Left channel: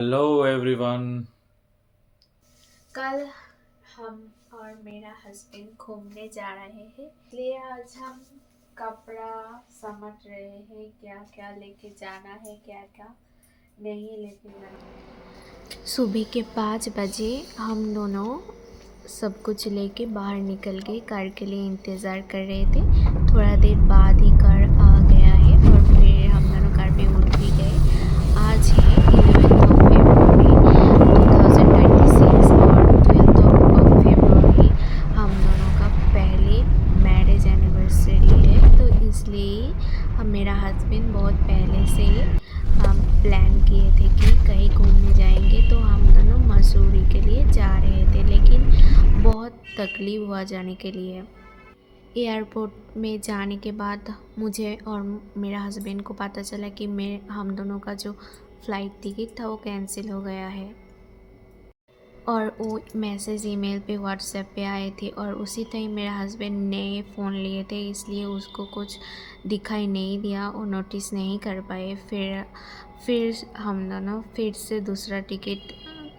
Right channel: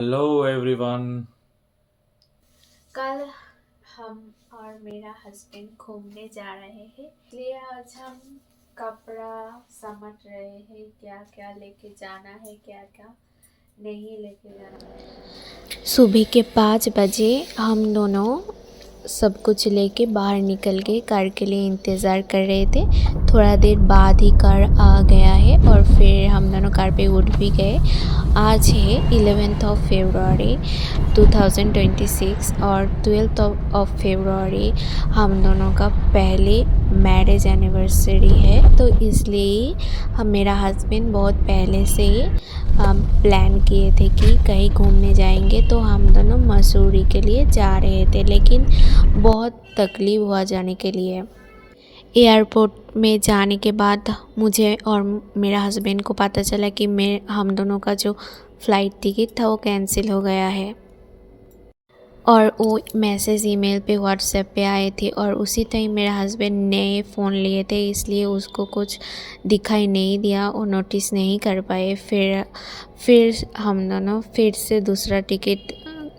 Hello everyone. कल हम और मेरा हस्बैंड घूमने जा रहे हैं, इसलिए आज हम कपड़ा समझ रहे हैं क्या क्या लेके जाना है, क्या क्या नहीं लेके जाना है। सुबह के 5 बजे हम दोनों सब कुछ लेके बाहर निकल गए, कार के लिए इंतज़ार कर रहे थे। थोड़ा देर बाद ही कार आ गया है और फिर हम दोनों कार पे उठ भी गए। आज है 11th ऑफ February 2026 और 12th ऑफ February हम दोनों का पहले मैरिज एनिवर्सरी है, तो इसलिए मेरा हस्बैंड बहुत पहले से ही प्लान किए थे कि कहीं घूमने जाएंगे। तो हम दोनों मसूरी के लिए जा रहे थे, लेकिन बहुत तकलीफ़ हुआ जाने के लिए। एयरपोर्ट में जाने के बाद मुझे और मेरा हस्बैंड को पता चला कि हम दोनों का जो फ़्लाइट टिकट था वो कैंसिल हो गया है। और वो मैसेज ईमेल पे व्हाट्सएप पे आए थे और उसी टाइम मेरा हस्बैंड नए फ़ोन लिए थे, इसलिए उसको कुछ दिखाई नहीं दिया, वो नोटिस नहीं कर पाए। फिर हम दोनों फिर से दूसरा टिकट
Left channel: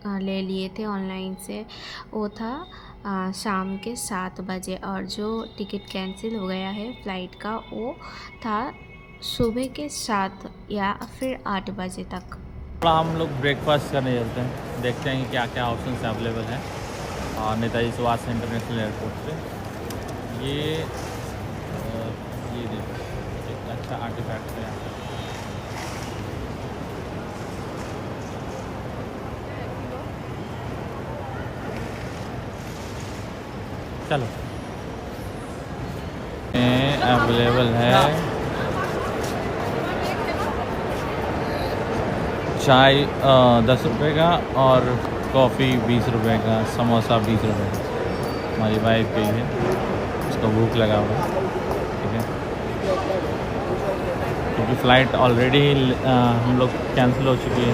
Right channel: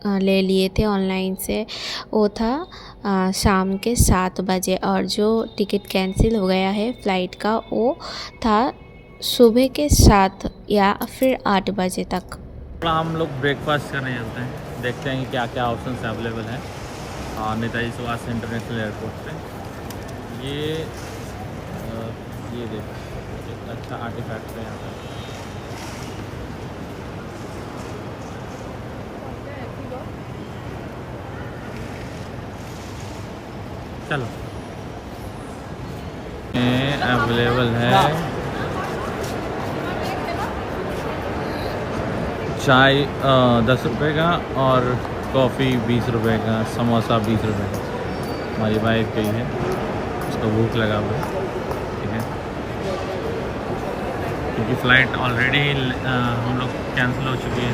ले लिए थे ऑनलाइन से। वो था शाम के 7 बजे और जो टिकट कैंसिल हो गया है फ़्लाइट का वो था सुबह के 7 या फिर 8 बजे तक। थोड़ा हम लोग ब्रेकफास्ट करने चलते हैं, देखते हैं कि क्या क्या ऑप्शंस अवेलेबल हैं और नेताजी सुभाष इंटरनेशनल एयरपोर्ट पे। ये देखो एक अच्छा आर्टिफैक्ट है यहाँ पे। चलो अवेलेबल है चाय 10 रुपये का और कॉफ़ी 20 रुपये का, समोसा 20 रुपये का। हमारी वाइफ गई है, उसको भूख लगा हुआ है, ठीक है, क्योंकि फ़्लाइट ऑलरेडी हम लोग कैंसिल हो चुकी है।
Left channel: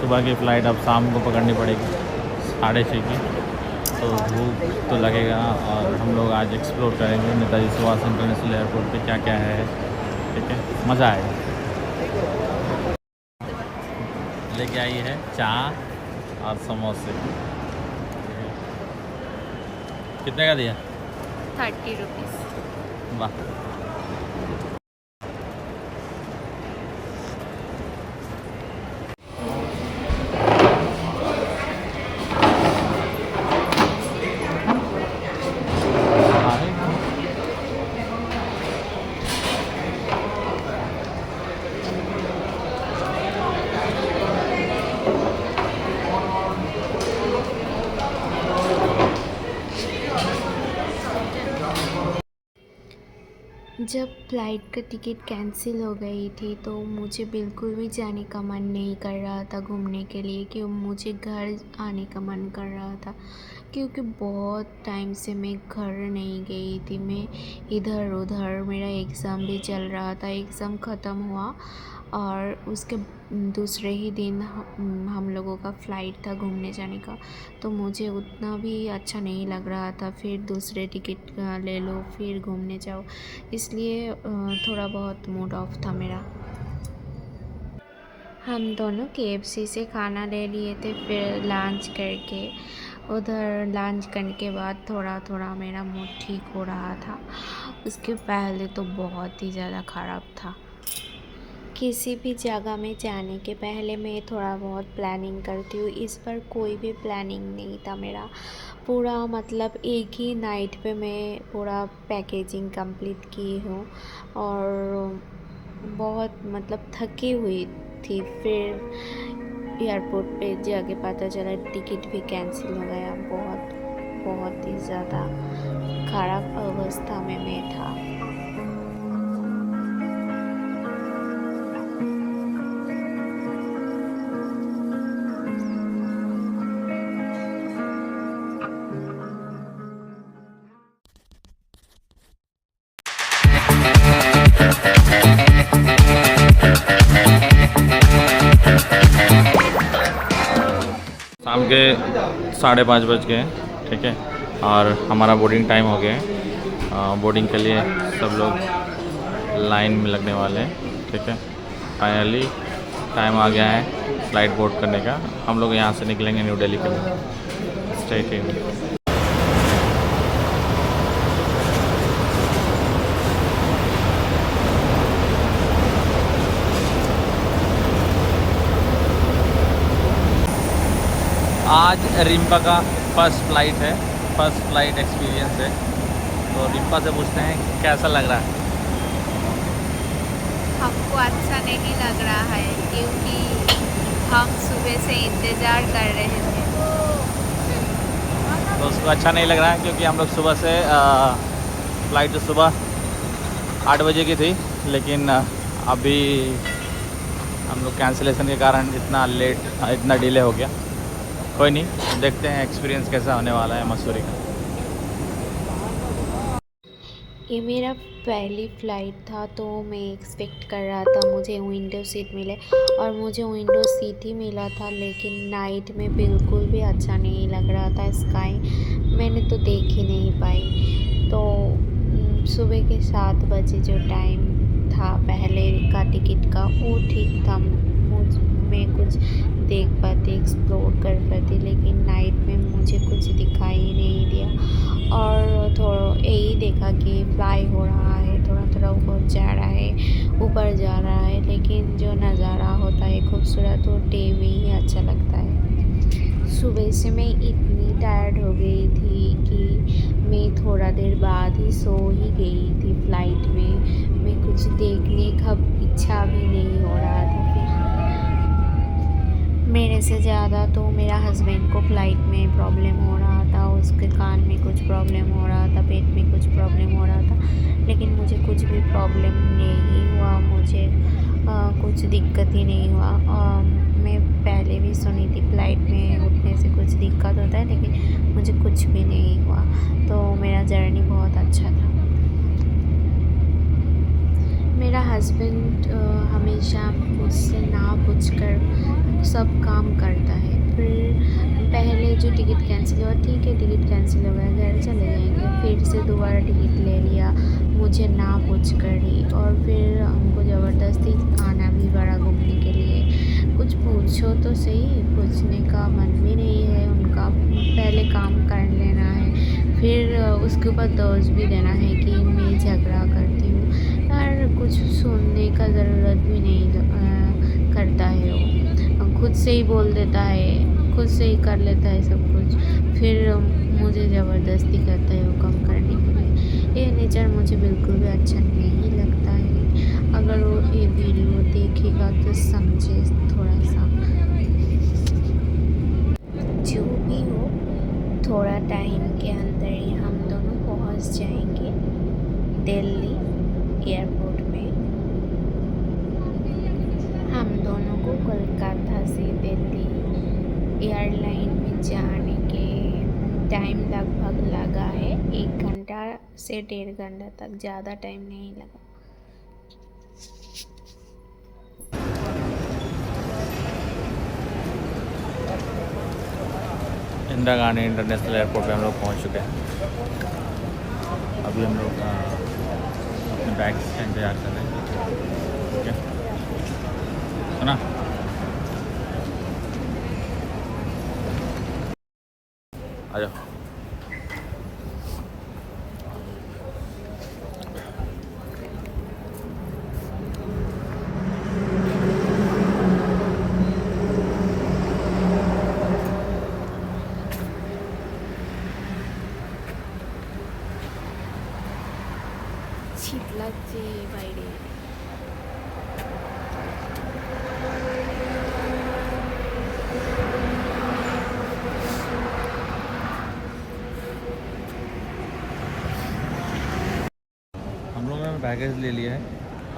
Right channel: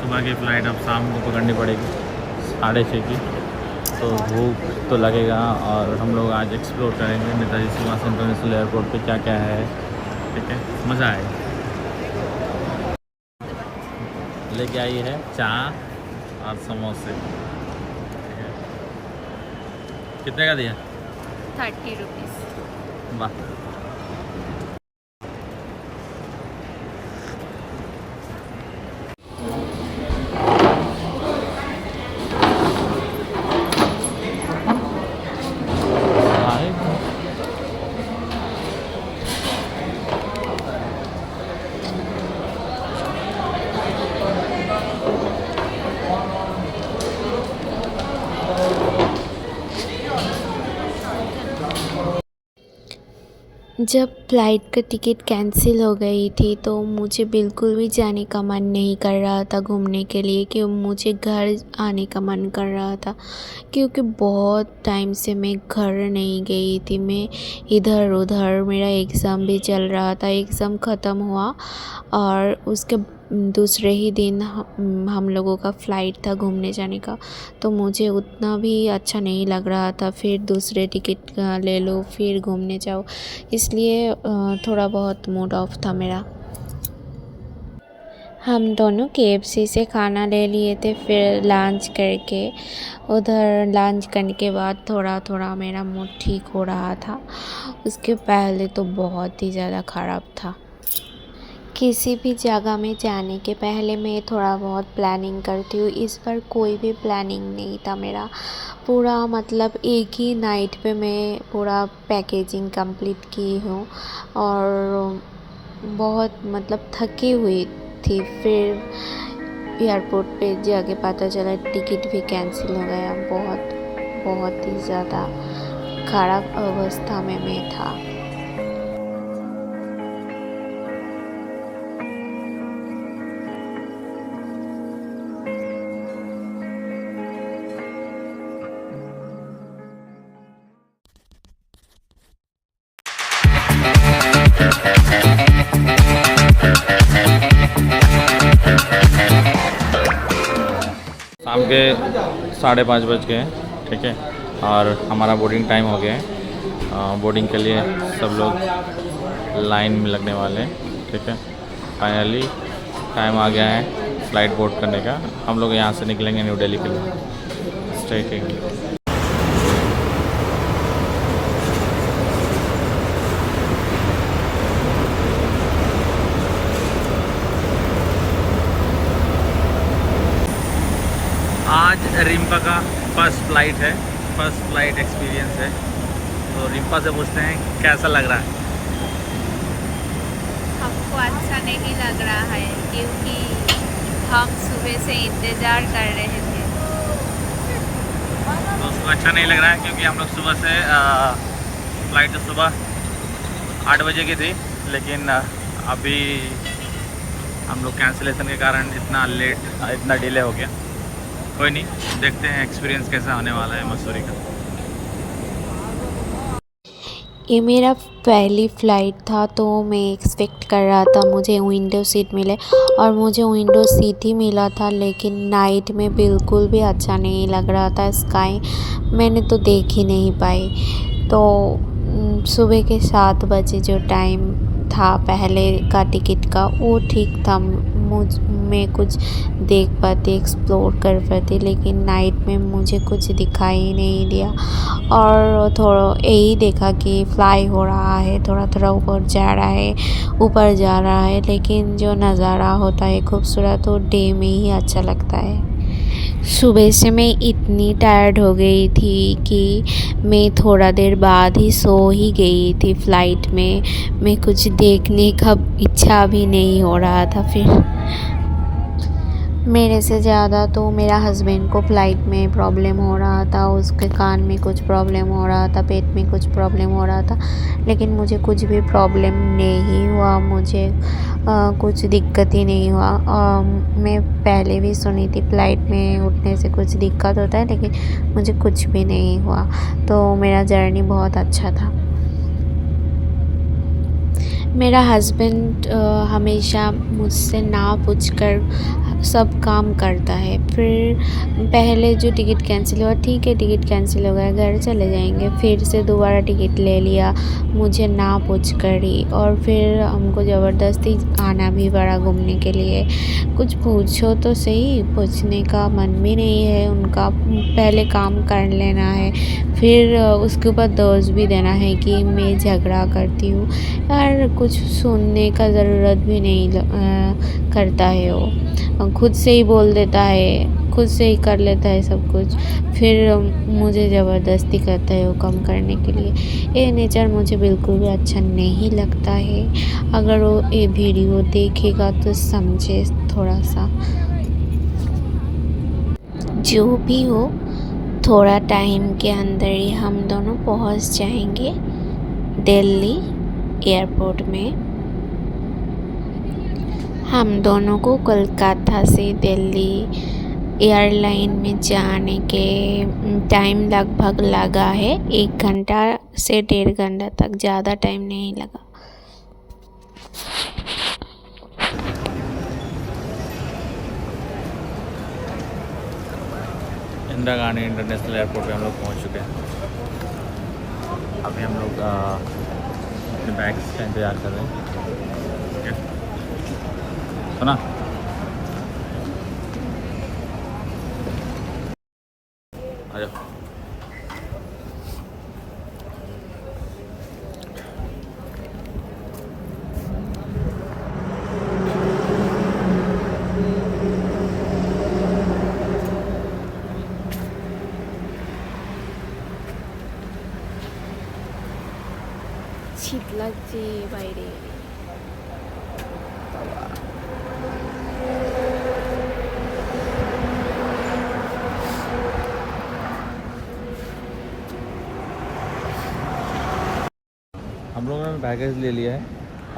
सुबह की फ़्लाइट अब शाम को पकड़नी पड़ेगी 6:30 की, तो भूख तो लगेगा। और हम लोग आज एक्सप्लोर करेंगे नेताजी सुभाष इंटरनेशनल एयरपोर्ट पे क्या क्या है, ठीक है, मज़ा आएगा। लेके आई है चाय और समोसे, ठीक है। कितने का दिया? 30 रुपीज़। वाह। जब फ़्लाइट का टिकट कैंसिल हो गई थी तो मुझे बिल्कुल भी जाने का मन नहीं कर रहा था घूमने के लिए, कि मुझे घर आने का मन कर रहा था, क्योंकि बहुत टाइम से मैं घर नहीं गई थी। मैं इधर उधर, मेरा एग्ज़ाम भी चल रहा था, एग्ज़ाम ख़त्म हुआ और उसके दूसरे ही दिन हम लोगों का फ़्लाइट था घूमने जाने का, तो मुझे उतना भी अच्छा नहीं लग रहा था। फिर दूसरे टिकट ले लो फिर घूमने जाओ, इसलिए थोड़ा बहुत मूड ऑफ था मेरा। हम दोनों KFC से खाना ले लिए थे, फिर लंच करके उधर लंच करने के बाद थोड़ा थोड़ा मेरा मूड ठीक हो रहा था। उसके पहले तो बहुत ही ज़्यादा ख़राब था। किसी भी जगह में जाने के पहले मैं थोड़ा बहुत प्लानिंग करती हूँ, इस बार कोई भी प्लानिंग नहीं था मेरा। पूरा मतलब एक ही नाइट पे मैं पूरा पैकेजिंग कंप्लीट की हूँ और बहुत मतलब थकी हुई थी। फिर एयरपोर्ट पे जाके पता चला टिकट भी कैंसिल हो गया। बहुत ही ज़्यादा ख़राब अवस्था में मैं था। शाम के 5:30 बज गए, ठीक है, और हमारा बोर्डिंग टाइम हो गया है। बोर्डिंग के लिए सब लोग लाइन में लगने वाले हैं, ठीक है। फाइनली टाइम आ गया है फ़्लाइट बोर्ड करने का। हम लोग यहाँ से निकलेंगे न्यू दिल्ली के लिए स्ट्रेट इंडिया। आज रिम्पा का फर्स्ट फ़्लाइट है, फर्स्ट फ़्लाइट एक्सपीरियंस है। तो रिम्पा से पूछते हैं कैसा लग रहा है। हमको अच्छा नहीं लग रहा है क्योंकि हम सुबह से इंतज़ार कर रहे थे। तो उसको अच्छा नहीं लग रहा है क्योंकि हम लोग सुबह से फ़्लाइट तो सुबह 8 बजे की थी, लेकिन अभी हम लोग कैंसिलेशन के कारण इतना डिले हो गया। कोई नहीं, देखते हैं एक्सपीरियंस कैसा होने वाला है मसूरी का। ये मेरा पहली फ़्लाइट था तो मैं एक्सपेक्ट कर रहा था मुझे विंडो सीट मिले, और मुझे विंडो सीट ही मिला था। लेकिन नाइट में बिल्कुल भी अच्छा नहीं लग रहा था। स्काई मैंने तो देख ही नहीं पाई। तो सुबह के 7 बजे जो टाइम था पहले का टिकट का, वो ठीक था। मैं कुछ देख पाती, एक्सप्लोर कर पाती, लेकिन नाइट में मुझे कुछ दिखाई नहीं दिया। और थोड़ा यही देखा कि फ्लाई हो रहा है, थोड़ा थोड़ा ऊपर जा रहा है, लेकिन जो नज़ारा होता है खूबसूरत, वो डे में ही अच्छा लगता है। सुबह से मैं इतनी टायर्ड हो गई थी कि मैं थोड़ा देर बाद ही सो ही गई थी। फ़्लाइट में मैं कुछ देखने का इच्छा भी नहीं हो रहा था। फिर मेरे से ज़्यादा तो मेरा हस्बैंड को फ़्लाइट में प्रॉब्लम हो रहा था। उसके कान में कुछ प्रॉब्लम हो रहा था, पेट में कुछ प्रॉब्लम हो रहा था, लेकिन मुझे कुछ भी प्रॉब्लम नहीं हुआ। मुझे कुछ दिक्कत ही नहीं हुआ। मैं पहले भी सुनी थी फ़्लाइट में उठने से कुछ दिक्कत होता है, लेकिन मुझे कुछ भी नहीं हुआ। तो मेरा जर्नी बहुत अच्छा था। मेरा हस्बैंड हमेशा मुझसे ना पूछकर सब काम करता है। फिर पहले जो टिकट कैंसिल हुआ, ठीक है टिकट कैंसिल हो गया, घर चले जाएंगे। फिर से दोबारा टिकट ले लिया मुझे ना पूछ कर ही, और फिर हमको ज़बरदस्ती आना भी पड़ा घूमने के लिए। कुछ पूछो तो सही, पूछने का मन भी नहीं है उनका। पहले काम कर लेना है, फिर उसके ऊपर दोष भी देना है कि मैं झगड़ा करती हूँ। यार कुछ सुनने का ज़रूरत भी नहीं करता है वो, खुद से ही बोल देता है, खुद से ही कर लेता है सब कुछ। फिर मुझे ज़बरदस्ती करता है वो काम करने के लिए। ये नेचर मुझे बिल्कुल भी अच्छा नहीं लगता है। अगर वो ये वीडियो देखेगा तो समझे थोड़ा सा। जो भी हो, थोड़ा टाइम के अंदर ही हम दोनों पहुंच जाएंगे दिल्ली एयरपोर्ट में। हम दोनों को कोलकाता से दिल्ली एयरलाइन में जाने के टाइम लगभग लगा है 1 घंटा से 1.5 घंटा तक, ज़्यादा टाइम नहीं लगा। इंदिरा गांधी इंटरनेशनल एयरपोर्ट पे हम लोग पहुंच चुके हैं। अभी हम लोग अपने बैग्स का इंतज़ार कर रहे हैं। ठीक है, सुना? आ जाओ। শীত লাগছে বাইরে। हम लोगों ने बैगेज ले लिया है।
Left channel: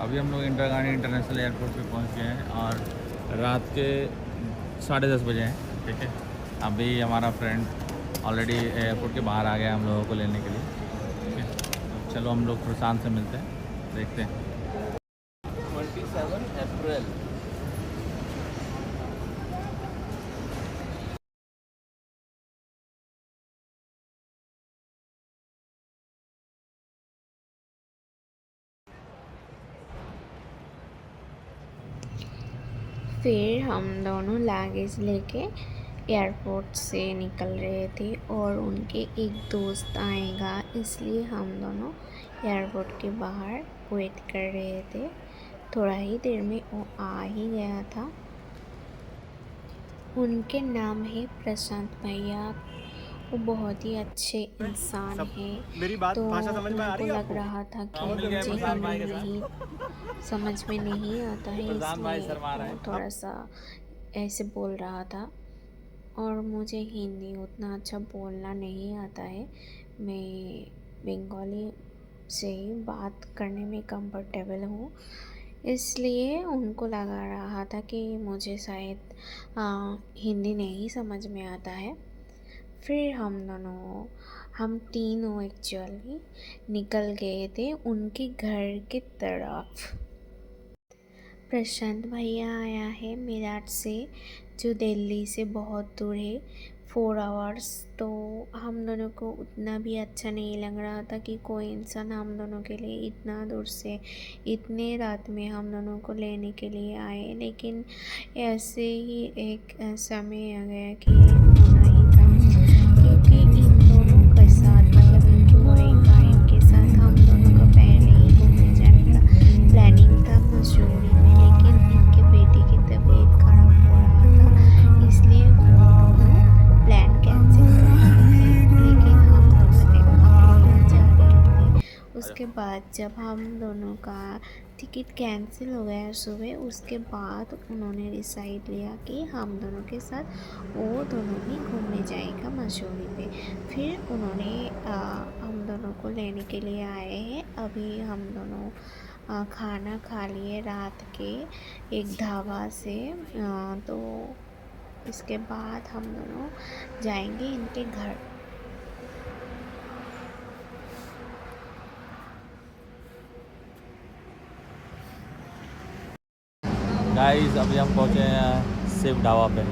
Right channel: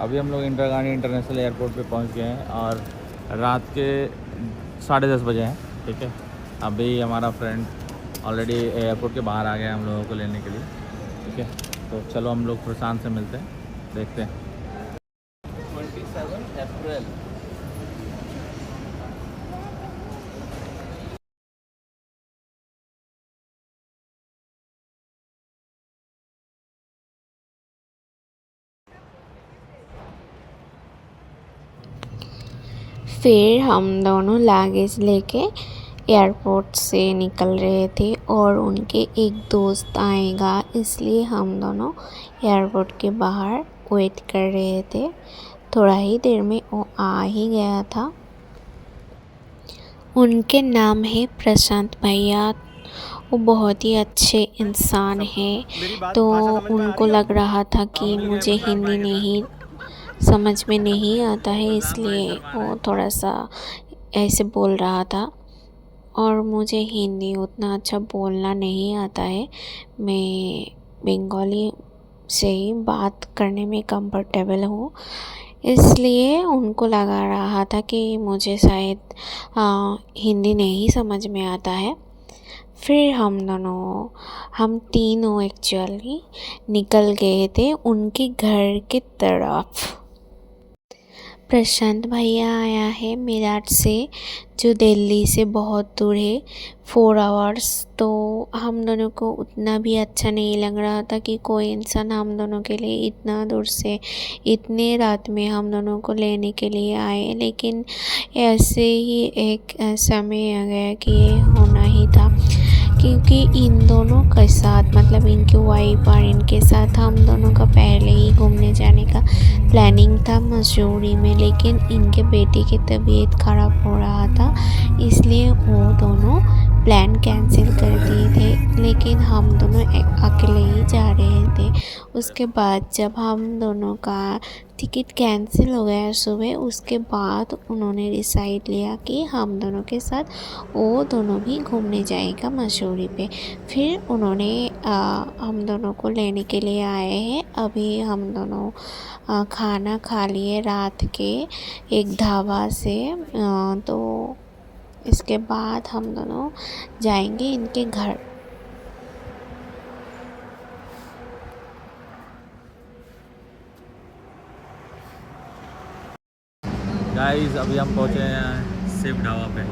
अभी हम लोग इंदिरा गांधी इंटरनेशनल एयरपोर्ट पे पहुंच गए हैं और रात के 10:30 बजे हैं। ठीक है, अभी हमारा फ्रेंड ऑलरेडी एयरपोर्ट के बाहर आ गया हम लोगों को लेने के लिए। ठीक है, तो चलो हम लोग प्रशांत से मिलते हैं, देखते हैं। 27 अप्रैल। फिर हम दोनों लगेज लेके एयरपोर्ट से निकल रहे थे और उनके एक दोस्त आएगा, इसलिए हम दोनों एयरपोर्ट के बाहर वेट कर रहे थे। थोड़ा ही देर में वो आ ही गया था। उनके नाम है प्रशांत भैया। वो बहुत ही अच्छे इंसान हैं। तो उनको लग रहा था कि मुझे हिंदी नहीं समझ में नहीं आता है, इसलिए वो थोड़ा सा ऐसे बोल रहा था। और मुझे हिंदी उतना अच्छा बोलना नहीं आता है। मैं बंगाली से ही बात करने में कंफर्टेबल हूँ, इसलिए उनको लगा रहा था कि मुझे शायद हिंदी नहीं समझ में आता है। फिर हम तीनों एक्चुअली निकल गए थे उनके घर की तरफ। प्रशांत भैया आया है मेरठ से, जो दिल्ली से बहुत दूर है, 4 आवर्स। तो हम दोनों को उतना भी अच्छा नहीं लग रहा था कि कोई इंसान हम दोनों के लिए इतना दूर से इतने रात में हम दोनों को लेने के लिए आए। लेकिन ऐसे ही एक समय आ गया कि ये होना ही था, क्योंकि इन दोनों के साथ मतलब इनके वाइफ और इनके साथ हम दोनों का पहले ही घूमने जाने का प्लानिंग था मसूरी में। लेकिन इनके बेटे की तबीयत ख़राब हो रहा था, इसलिए वो दोनों प्लान कैंसिल कर दिए थे। लेकिन हम दोनों अकेले ही जा रहे थे। उसके बाद जब हम दोनों का टिकट कैंसिल हो गया सुबह, उसके बाद उन्होंने डिसाइड लिया कि हम दोनों के साथ वो दोनों भी घूमने जाएगा मसूरी पे। फिर उन्होंने हम दोनों को लेने के लिए आए हैं। अभी हम दोनों खाना खा लिए रात के एक ढाबा से। तो इसके बाद हम दोनों जाएंगे इनके घर। गाइस अभी हम पहुँचे हैं शिव ढाबा पे।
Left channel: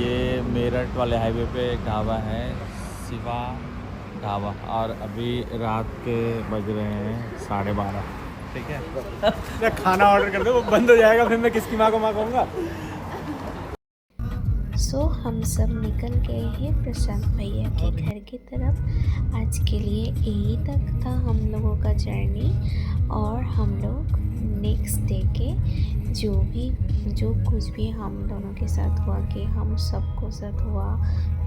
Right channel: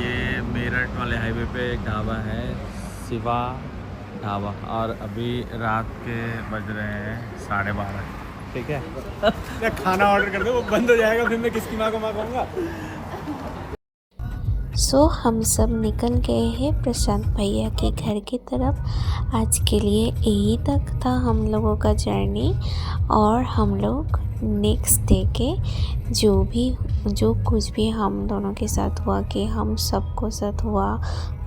ये मेरठ वाले हाईवे पे एक ढाबा है, शिवा ढाबा। और अभी रात के बज रहे हैं 12:30। ठीक है खाना ऑर्डर कर दो, वो बंद हो जाएगा, फिर मैं किसकी माँ को माँ करूँगा। सो हम सब निकल गए हैं प्रशांत भैया के घर की तरफ। आज के लिए यही तक था हम लोगों का जर्नी। और हम लोग नेक्स्ट डे के जो कुछ भी हम दोनों के साथ हुआ, कि हम सबको साथ हुआ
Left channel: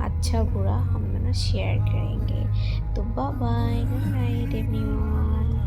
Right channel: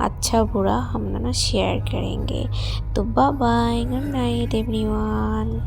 अच्छा बुरा, हम दोनों शेयर करेंगे। तो bye bye, good night everyone.